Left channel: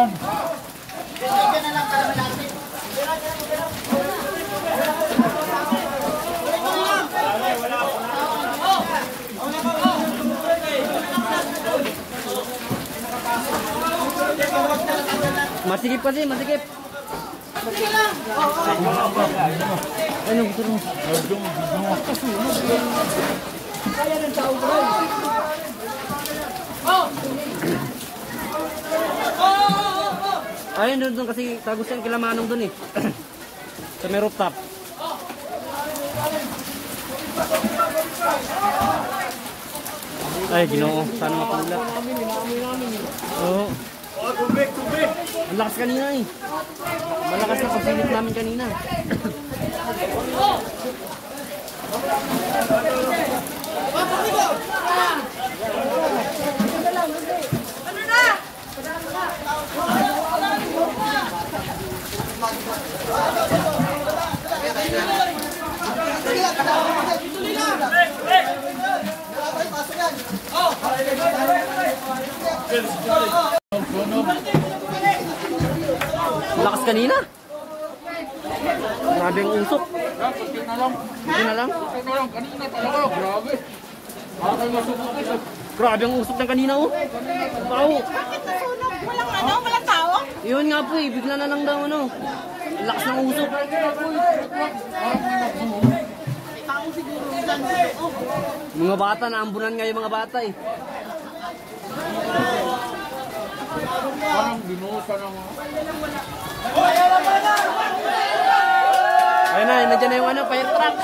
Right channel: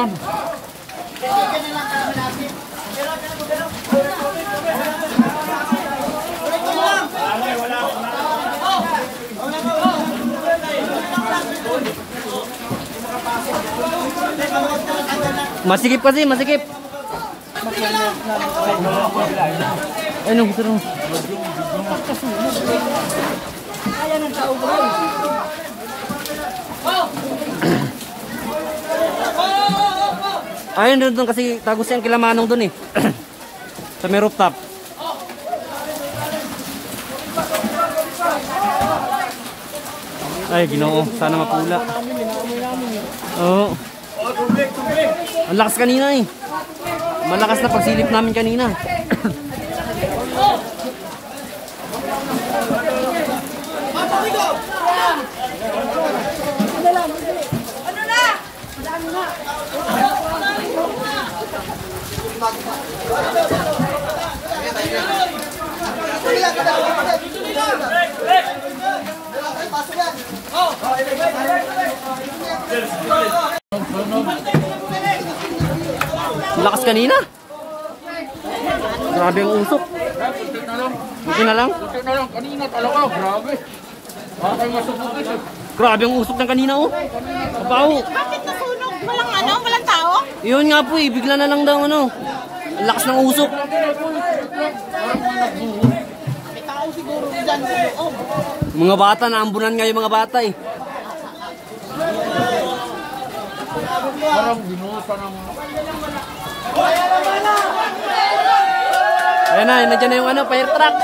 yan. Masikip kasi, masikip. Ano gusto mo? Ayun doon kasi tagos yung kilamanong doon eh. Sa may rooftop. Ay, Ginoo, sana mapula. Oo. Ang lakas kanina eh. Malakas na pagsilip namin kanina. Lakas kanina. Grabe ang usok. Buti na lang. Kanina talaga, grabe. Grabe ang usok ng kanina oh. Pao. Bakit nasunog? Walang tao? Yun nga po eh, bigla na lang daw ano. Ang lakas ng usok. Mga bata, naambunan nga yung mga bata eh. Parang binusa ng mga... Ayun na, nandiyan na yung ano, fire truck.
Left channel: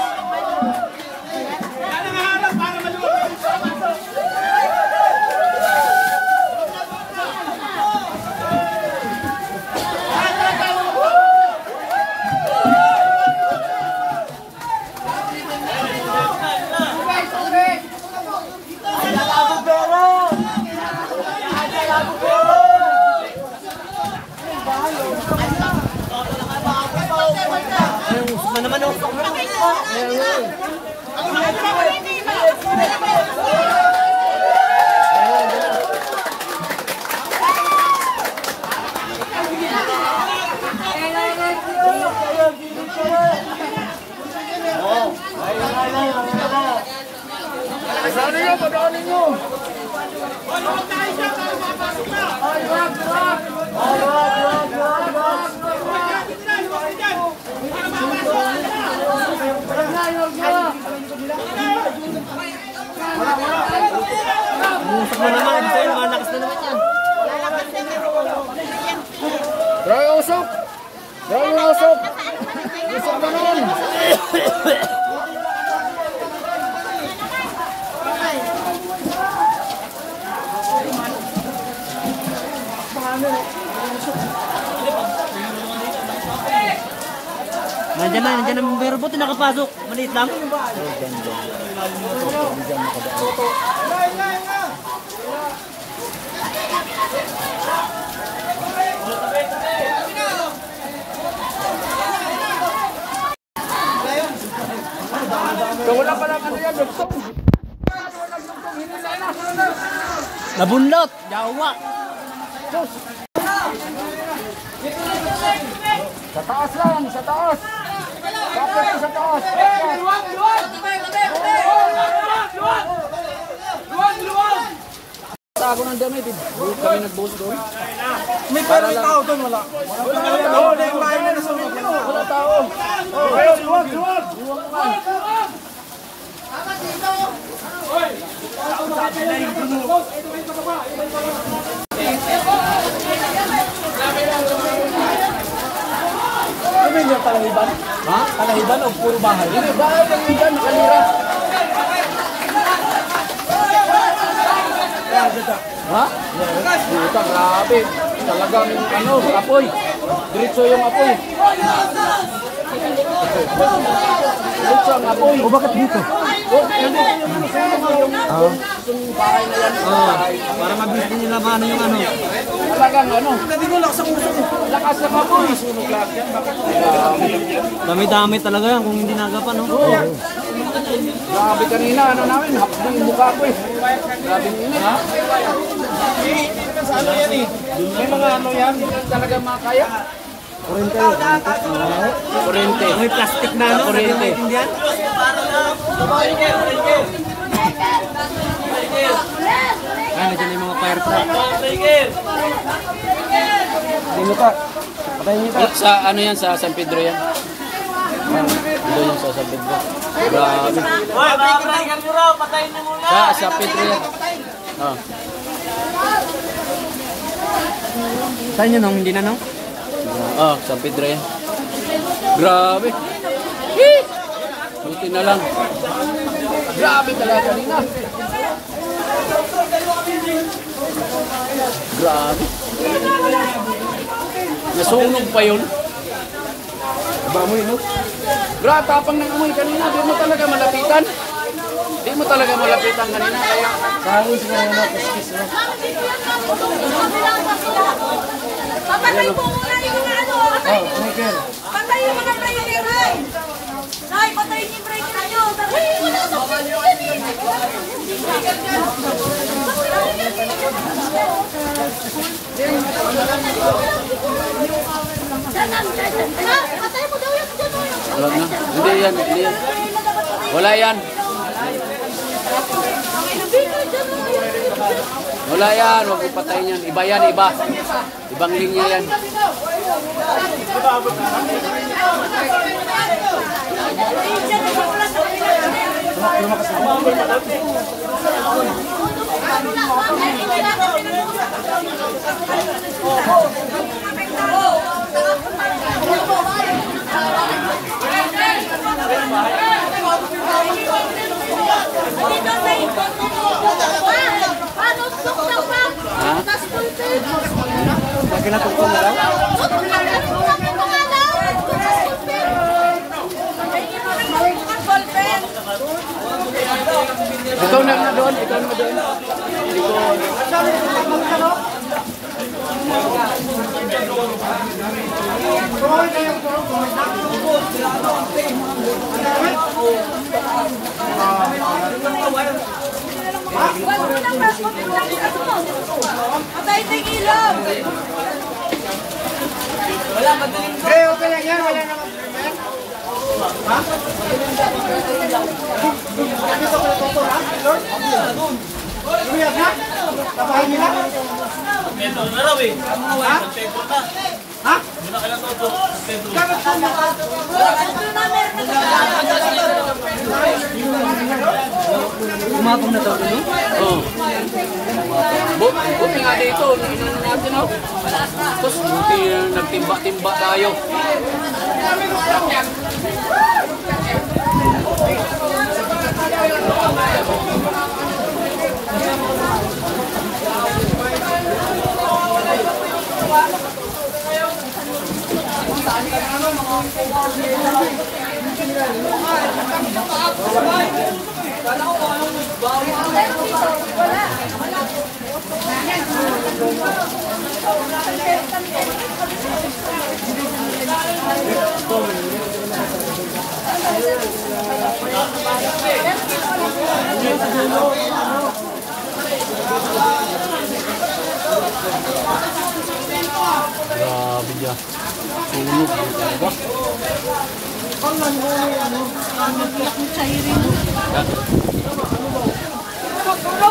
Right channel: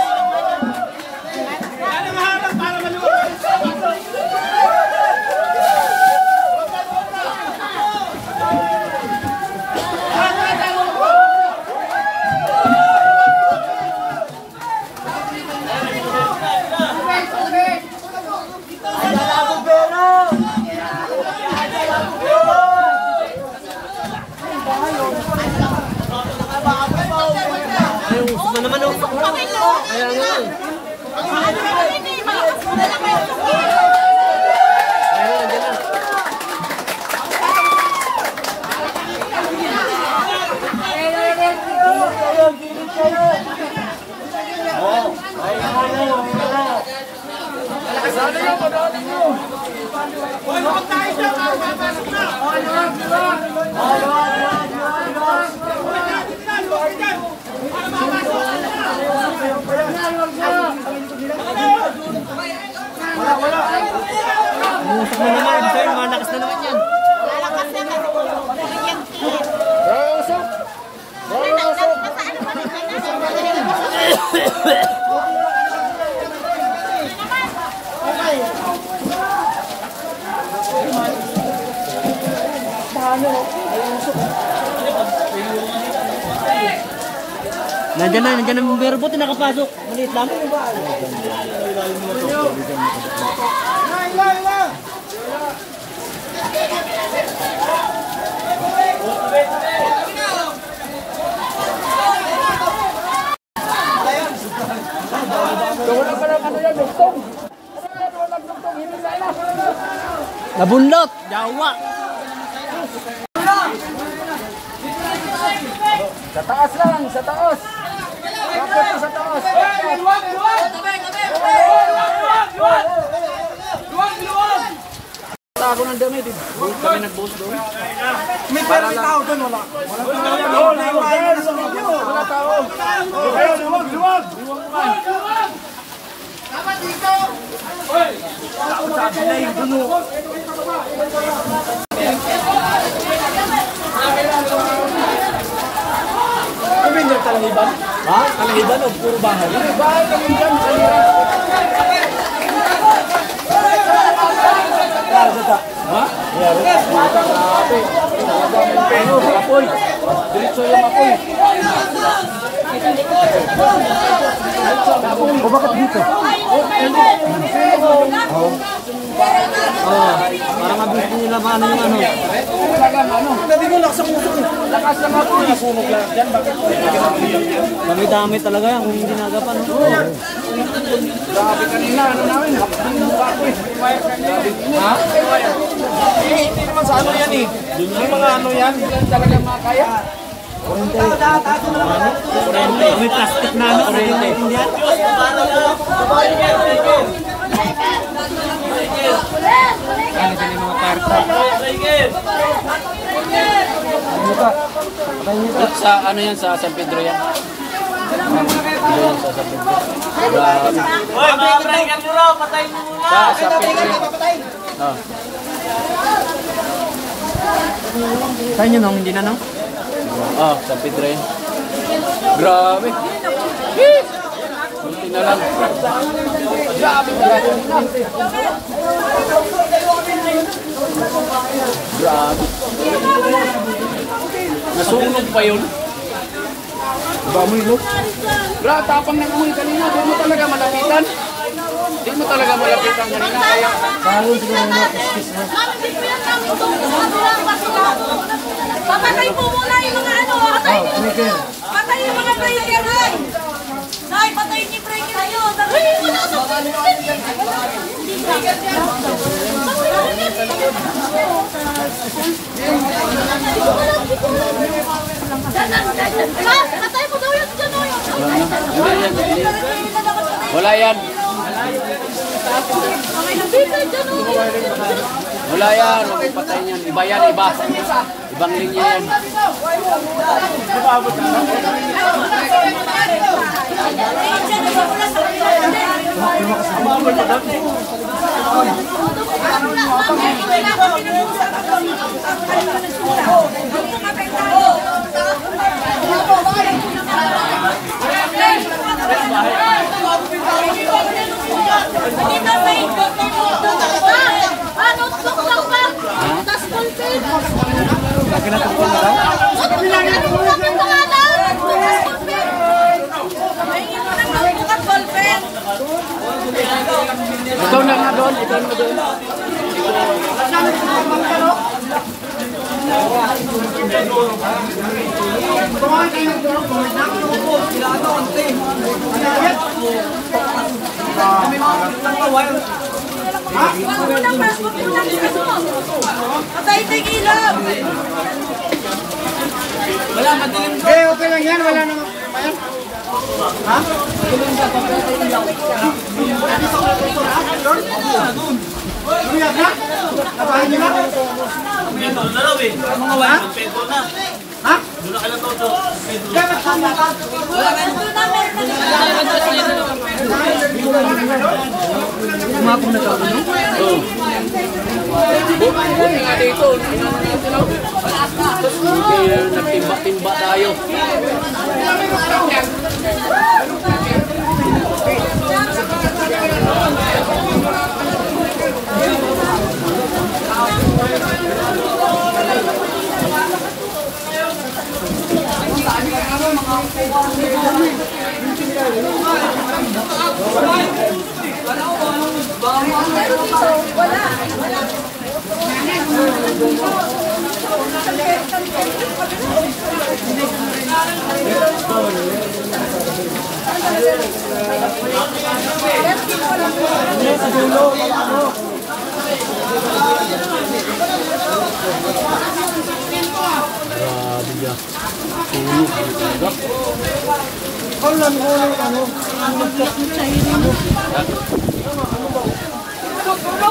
Ay, usok na naman oh. Ayan nga. Ayan na, nandiyan na. Umusok na naman, pero malakas na naman yan. Grabe usok! Grabe usok! Nandiyan na bumbero po, nakapasok. Maliit lang. Nabunlot, Jawa. Sa taas lang, sa taas! Sa taas! Luwag! Tago ng damit eh. Kami nag-boss doon. May pero may tao doon, wala. Wala tao. Luwag! Dapat dito! Hoy! Ano yung talahiban? Ha? Talahiban o puro bahay? Hindi, bahay kami dyan. Ha? Dito, grabe. Talaga may peno. Apoy. Diretso yung apoy. Apoy. O bakit dito? Parang gusto nila ba ano yung ano? Talagang ano? Nabigulak sa puso. Lakas lang ako. Nasunog lang yan. Bakit? Dami-dami talaga kung hindi nagapan. Grabe kanina. Ano namin? Mukha ko eh. Ha? Hindi naman sa ano yan eh. May mga ano yan. Ilan talaga yung mga kaya? Kurente. May plastic na ano? Kurente. Ano dyan yung mga fire truck? Sa ano yan? Sa San Pedro yan? Ano yan sa San Pedro? Hoy, mga breaker nyo raw, patayin nyo muna. Sa San Pedro yan. Saan yun nung hindi na no? San Pedro yan. Grabe. Buti na lang. Grabe talaga. Grabe. Nasunog pa yun. Ba mo yun no? Grabe, tapang ng amoy kanina. Di mo talaga malapitan. Di mo talaga malapitan kanina. Kaya Bago siguro na kiss na. Papatay po muna yung mga ano. Patay yung mga kaya-yanay. Ay, patay yung breaker kayo. Patay mo na sa patay mo daw yung hindi yan. Wala yan. Wala yan. Huwag ipatayin yan. Iba yan, iba. Ibang linya yan. Lagi na tungkol na daw? Ito na nga doon. Ito na doon. Patay ting ilaw. Okay lang yan, wala naman. Umapong na daw no? Buti nga dito. Inano natin ako. Tapos nagtimba-timba tayo.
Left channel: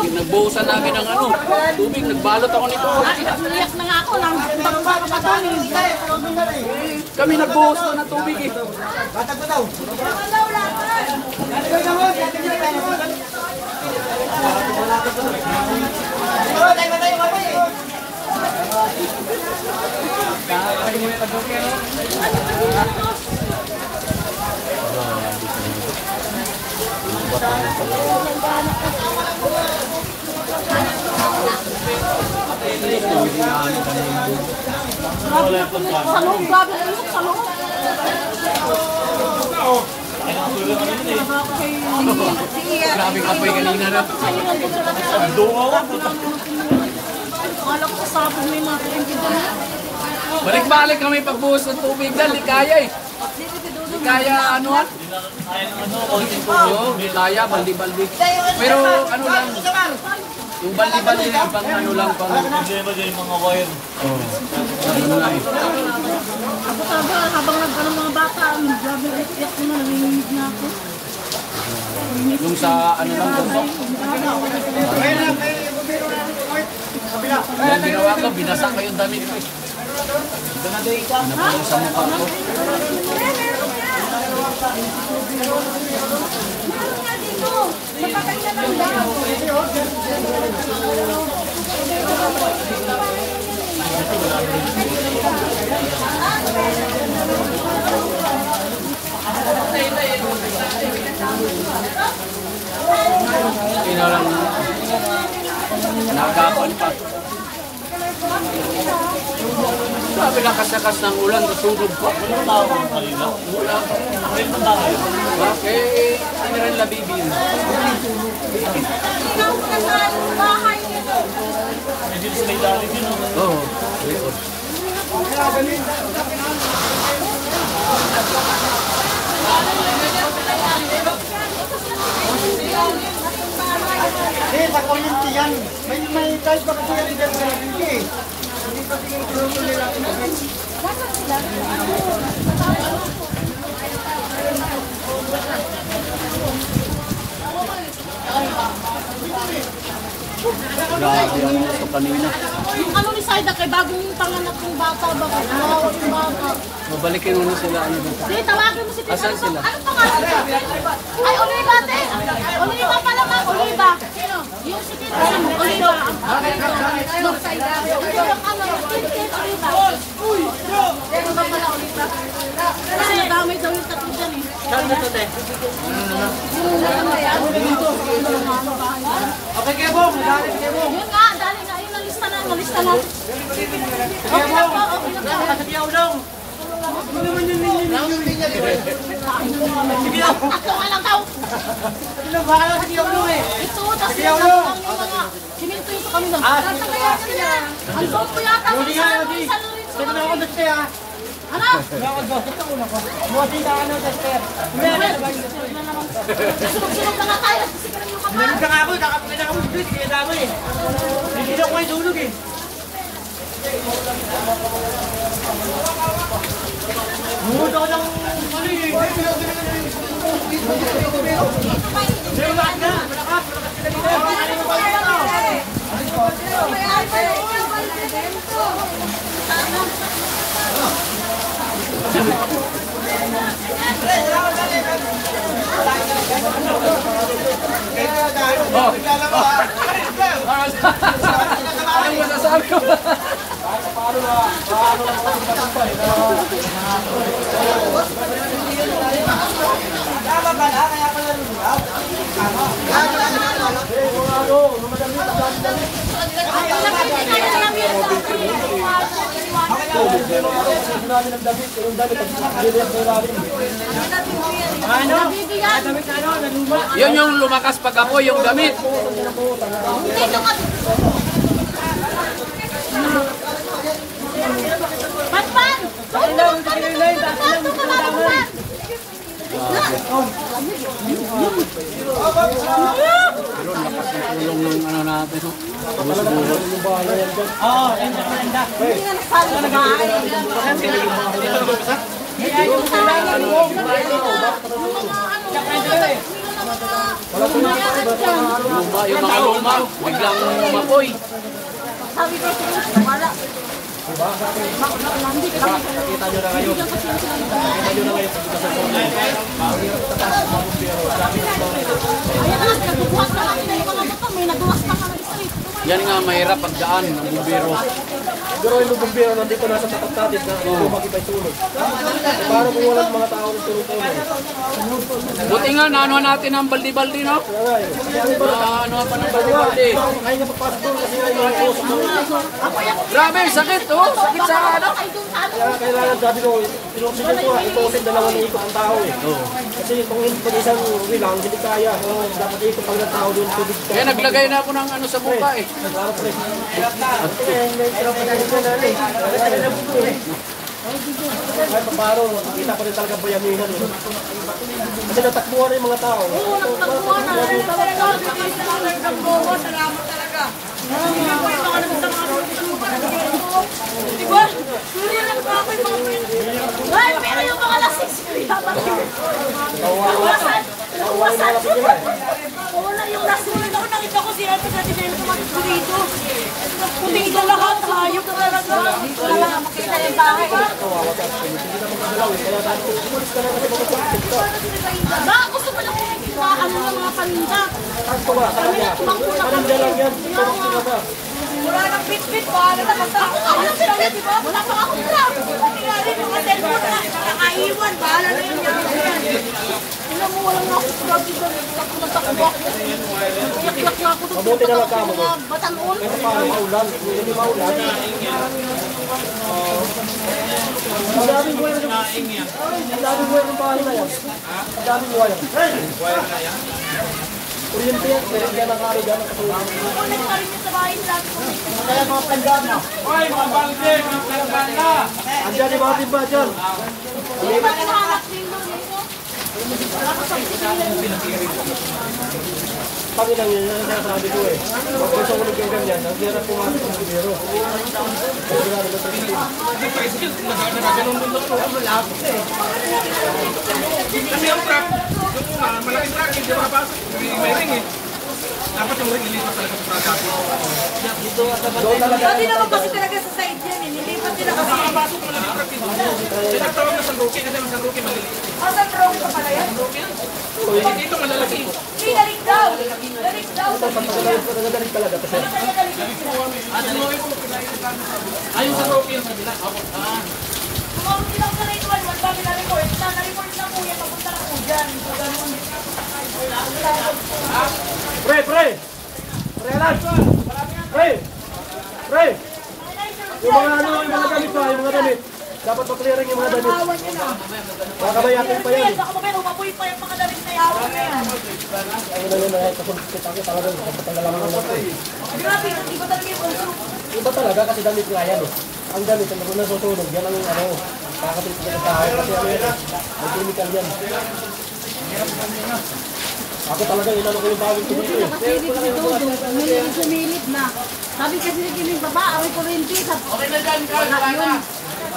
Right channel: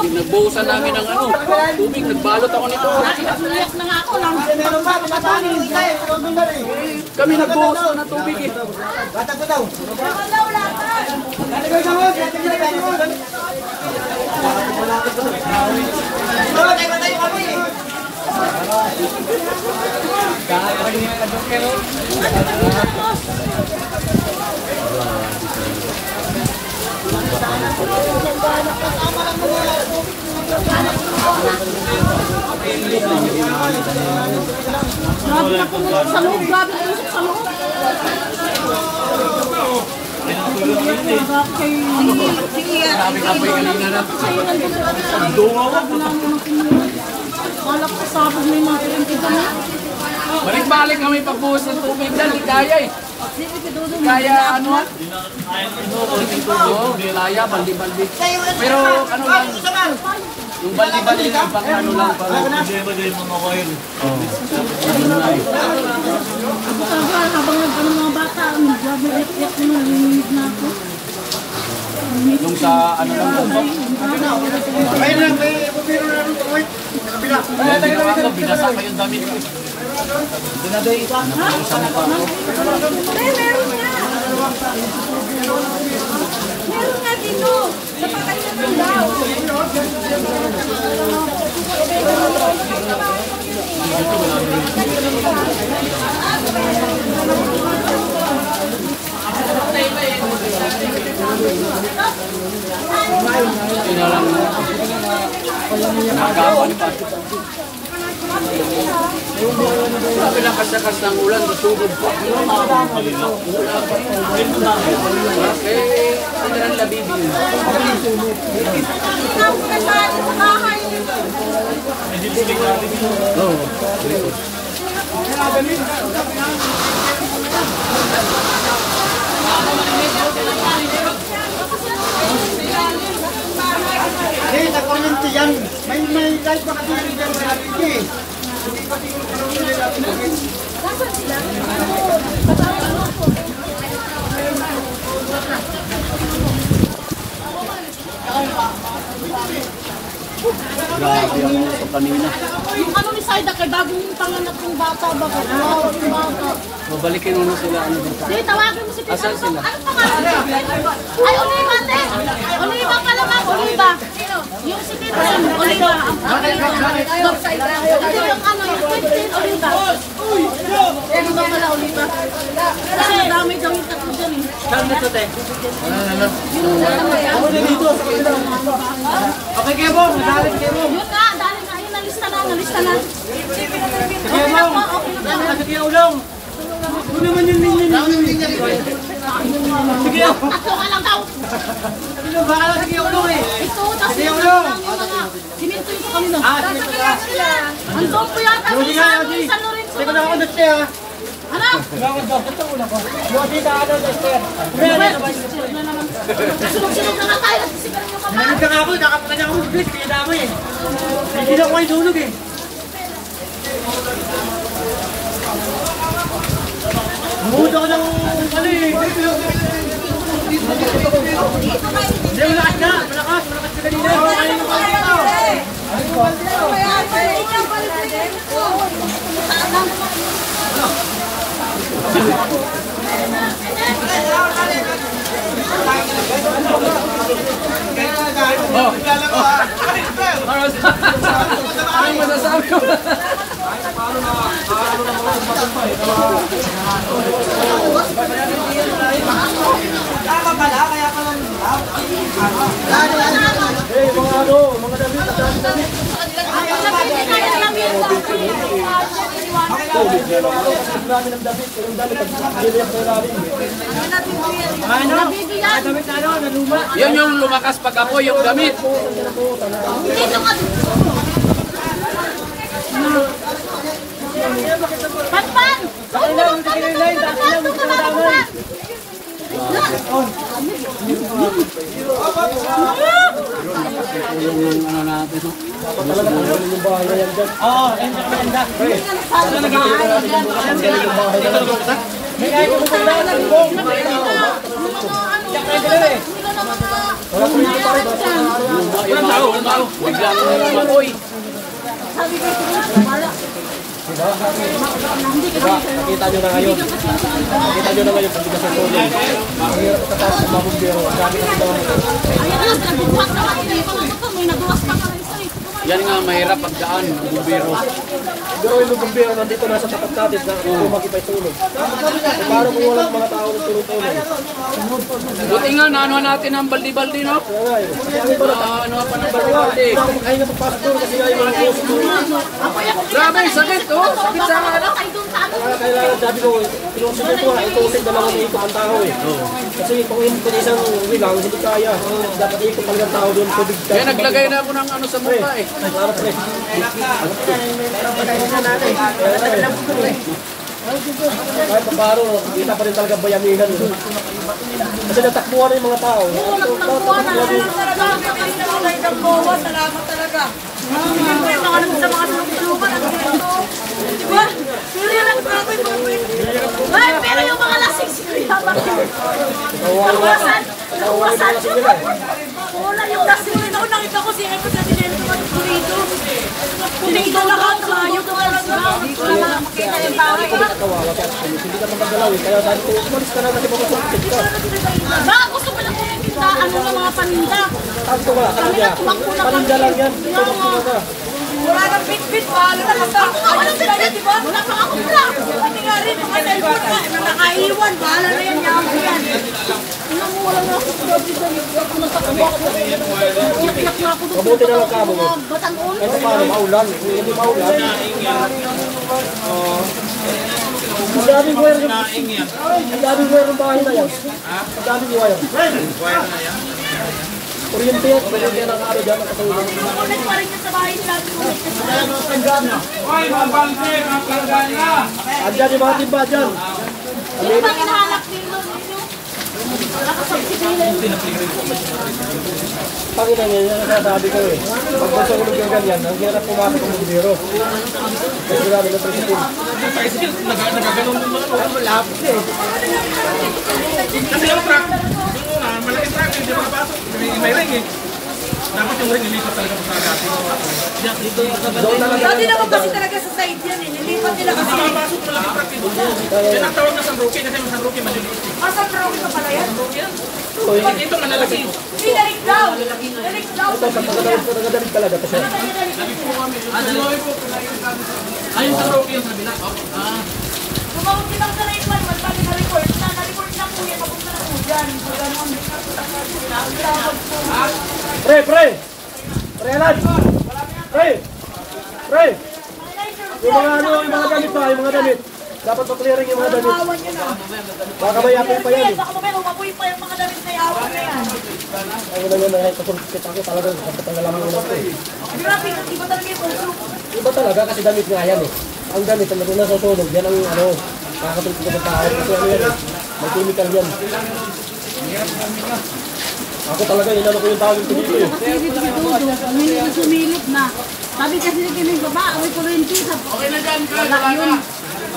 Nagbuhusan namin ng ano, tubig, nagbalot ako nito. Umiyak na nga ako lang. Kami nagbuhos ng tubig eh. Grabe na pumunta sa loob. Grabe na pumunta sa loob. Wala ko sa may mga pinagkita na. Balik-balik kami pagbuhos ng tubig dahil di kaya eh. Kaya ano? Oo, kaya baldi-baldi. Pero ano lang, yung baldi-baldi na ibang ano lang pala. Ako talaga, habang nag-ano mga bata, grabe iyak mo na, nangingid na ako. Yung sa ano lang ba? Binasa pa yung damit ko. Ito na day. Napalo sa mukha ko. Meron nga dito. Pinakasakas ng ulan, masugod po. Ano tawag ang malina? Eh, ano rin nabibili? Eh, sa kuryente yan. May kahit baka kuryente yan sa bigay. Yung ano ni Saida kay bagong panganak ng bata ba? Wow, yung bata. Mabalikin mo na sila ano ba? Sige, tawagin mo si Pete. Asan sila? Anong pangalan niya? Ay, Oliva, te. Oliva pala, ma'am. Oliva. Yung si Tintin, Oliva. Ang Hindi yung ano, Tintin, Oliva. Oliva pala, Oliva. Kasi nadamay daw yung tatlo dyan eh. Saan na ito, te? Okay, kayo po. Madali kayo po. Yun nga, dali nga. Yun, nalista na, nalista na. Okay na po, okay na po. Nakasap yung ulong. Ano naman yung linya? Sige ako. Tatlo ka lang daw. Ano ba ka lang? Sige yung ulong eh. Ito, tapos yung lang yung mga siminto yung kanina. Andon po yata Hindi sa nga, Adi. San Lorenzo. Hindi ko na ako dati ah. Ano? Buti ka ano, Dexter. Sunod-sunod na nga tayo. Sigarin yung mga. Nanood ka nga ako. Nakapagkanya ako mag-click. Kaya dami eh. Hindi na ako kayo tulog eh. Nanood ako ng ano eh. Hindi, malakas na. Malakas. Malakas ka kanina. Ano masasabi ko? Ano? Damit na ano? Naluma. Yan yung lumakas pag apoy yung damit. Panpan! Yung ano natin. Oo, yan ang maganda. Walang tao. Biglang apoy. Sabi ko siguro, wala. Hindi ka naman sa'yo. Kita nyo na kayo. Hindi ka kasi yung sinabi. Kita nyo na kayo pag sa tuloy. Mahirap pataas ng mga bumbero. Sabi ng mga Ayan nga, nagbubuhat na kami ng mga motor. May naduwas pa ka na isa eh. Yan nga mahirap pagdaan ng bumbero. siguro yung mga bumbero nandito nasa tapat natin na lumaki pa yung tulog. E paano kung walang mga tao ng tulog-tulog? Buti nga, naano natin ang baldi-baldi, no? Kaya nga eh. Ano pa ng baldi-baldi. Kaya napapasok doon kasi nga yung mga puso doon. Ako yung Grabe, sakit, oh. Sakit baka sa makakay doon sa ano. Kaya kailangan sabi ko, pinusin ko itusin dalawang ikot ang tao eh. Kasi kung hindi isang uwi lang, hindi kaya. Dapat ikot pag ng tao doon, tubig. Kaya naglagay na ako ng ano sa mukha, eh. Para pre. Kahit paano, kita pa rin talaga bayaminan yun. Kasi natakbuhan rin yung mga tao. Oo, nagtagpuan na. Salamat talaga. Saka naman sa mga sususuban. Diba? Surya lang pa ako yung mga pwede. Ay, pero yung mga lasing siya, bakit? Nawasan siya. Wala yung lasing nila. Nakita ko si Epo sa dinero tumatag ko dito. Puting ko lahat tayo. Wala makita yung bahay. Kawawa siya. Hindi ka magagalaw eh. Kaya dahil kung umalis ka na kasi papasakit ka. Baka gusto mo lang pumunta. Ano yung mga paninda? Kanto ka, kanadya. Paninda lang yan. Paninda ka. Wala kang bit-bit. Wala kang Ako nga walang bitbit. Wala pa akong vlog. mga cellphone na nakaiwan. Bahala na yan. Tingnan mo, wala na ako vlog. Ako nagtakuha ko. Naklak na ako. Mabuti na lang ka mo. Batangon. Kasi paano, maulan. Kung hindi maulan. Ang daming wire yung... Ang daming wire yung bahay na yan. Ang daming wire. Kuryente yan. Kaya nakaro dyan. Kasi... Andyan yung mga timba dyan. Sino ba hinahanap nilo nito? Panginoon yan, yan ang sasabi ko eh. Pag gusto ko yung ganyan, ang hirap pumasok ng libero. Kasi wala naman presidente. Kasi ang truck, doon nga, malaking truck, hindi makapasok. May ring eh. Dapat yung ring, hindi pa talaga makakasok. Doon talaga Dati ang naman kasi talaga sa side yan eh. Nilipat nila kasi. Makapasok pala yung truck dito. Yan ang tawag na San Roque, kasi yung San Roque maliliit. Asa drawing pa pala yan? Ito malalaki. Pinalik daw. Pinalik daw. ito, pag nagadalit talaga. Kasi Ayun San Roque yung sabi na. Tumawag din ako sa Rainman. Magsabi na report. Na-report na po yan. Papunta na po dyan. So, ganun. Pre! Alan! Pre! Yung mga ano, yung mga damit pa, yung mga damit. Dapat pa-clearing yung mga damit. Baka mayakin pa yan. Baka mamaya umapoy pa yung mga damit na yawan na yan. Ako na yun, kasulkit ako talaga. Dapat talaga lang yun ako eh. Grabe, iba talaga yung control. Iba talaga kasi damit nga yan eh. Ang damit, ang naroon na susunog, yan ang ano, kakatulit ko sa tayo. Kasi ano yan eh, may chemical yan. Ako talaga, inano ko yung tawag ko dito eh. Nakasilip si Dodo. Sumilip na. Sabi kasi ni Kiming baba, away ko rin siya. Wala yun.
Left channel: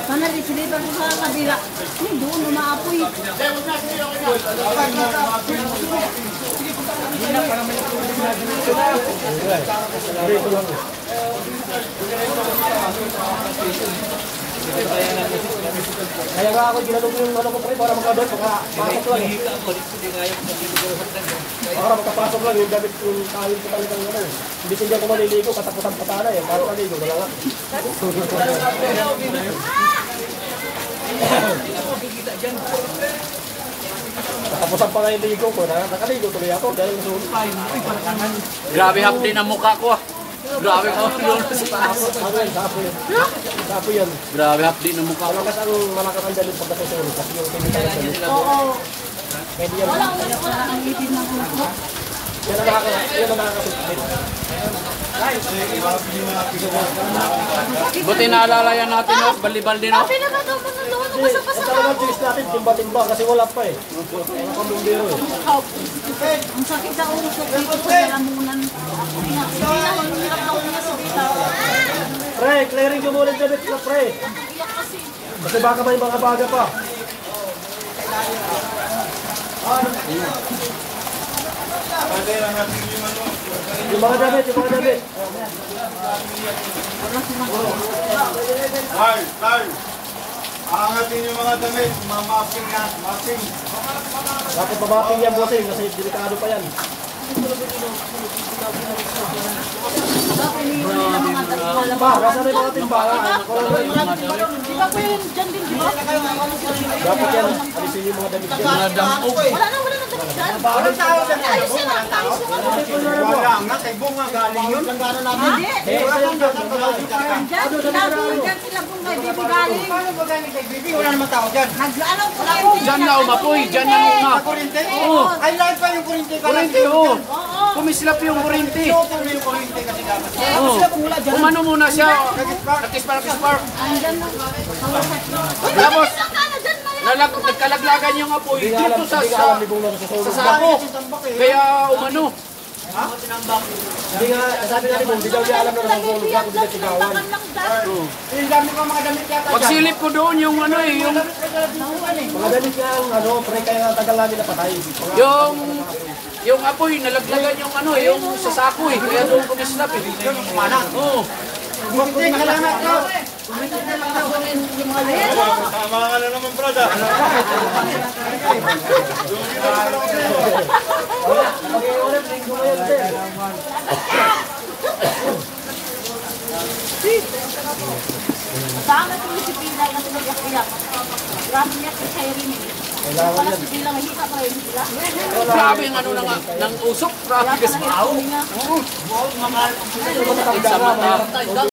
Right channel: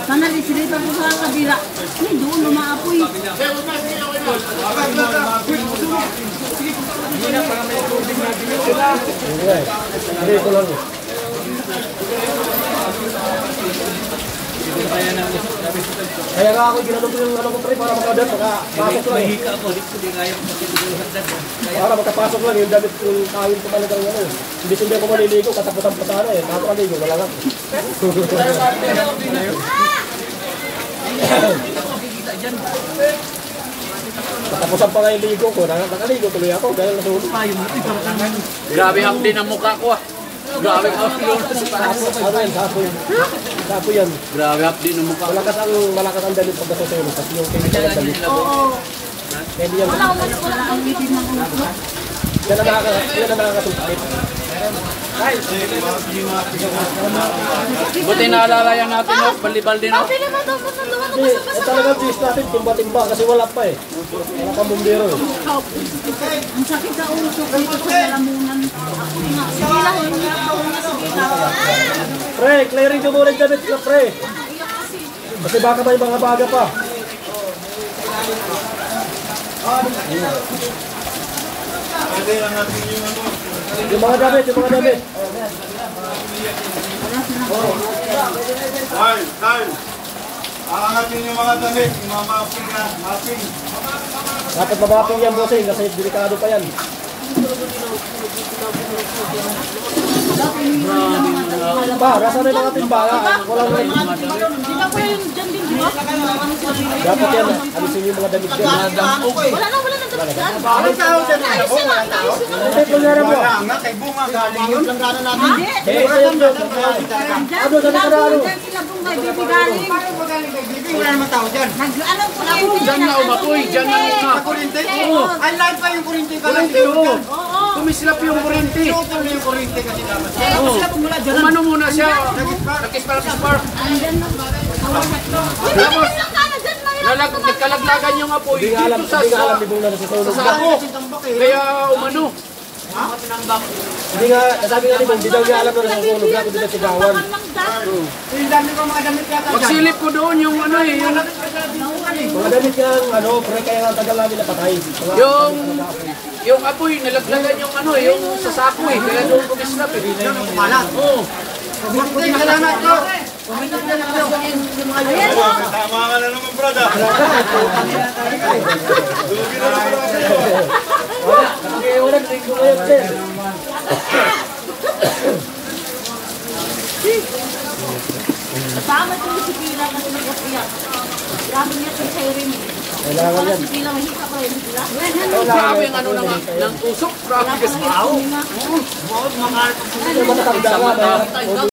Sana disilipan ko sa kabila. Ay, doon lumaapoy. Dito lang eh. Kaya nga ako, ginanong ko yung ano ko pre, para makadap, makapasok lang eh. Para makapasok lang yung damit yung kawin ko talagang ano eh. Hindi hindi ako maliligo, kataputan patana eh. Tapos aligo, wala lang. Katapusan pa nga yung ligo ko, nakaligo tuloy ako dahil nasulit. Grabe ang din ang mukha ko ah. Grabe ang Ano yan, sapo yan. Sapo yan. Grabe ang din ang mukha ko. Malakas ang damit pag nasusunog kasi yung chemical ang damit. Oo. Pwede yan. Wala ang bitin ng ulo. Yan ang nakakasulpit. Buti naalala yan natin na balibal din. Sabi naman daw kung nandun ako Kasi pasok ang talagang cheese natin, timba-timba kasi wala pa eh. Wala pa bumbero eh. Ang sakit sa ulo ko dito sa lalamunan. Sige lang, hindi ko Pre, clearing ko muna yung damit na pre. Kasi baka may mga baga pa. Yung mga damit. Time. Aangatin yung mga damit, yung mga mapping. Dapat mabaping yan bossing kasi delikado pa yan. Ba, nasa na yung mga timbala? Walang rin. Di ba ko yung dyan din, di ba? Dapat yan, alisin yung mga damit yan. Wala na damit dyan. Ayos yan lang, ayos yung ano. Hindi, kung meron mo. Nga, kay Bunga galing yun. Hindi. Eh, sa'yo yun. Dyan, labong dyan sila pong kay Bibi galing. Wala naman tao dyan. Nag-ano ko na Diyan na umapoy, diyan na Sa kurinte? Oo. Ay, live pa yung kurinte pala. Kurente mo. Oo. kumislap yung kurente. Yung kurente kasi dapat. Umano muna siya. Nakispark. Tapos, nagkalaglagan yung apoy Hindi nga alam, dito hindi nga alam ni Bong na nasusunog. sa sako. Kaya umano. Hindi nga, nasabi nga ni Bong, hindi daw niya alam na nasusunog na, kundi nasigawan. Pagsilip ko doon yung ano eh. Mga damit kang, ano, pre, kaya nga tagal namin napatay. Yung apoy, nalaglagan yung ano eh, yung sa sako eh. Kaya doon kumislap eh. Oo. Tama ka na naman, brother. Bakit yung sipila kasi nag-iyak? Grabe niya kay Siren. Kailangan yan. Sipila, mahika pa rin sila. Grabe ang ano ng usok. Grabe kasi. Matanda nga, mahirap.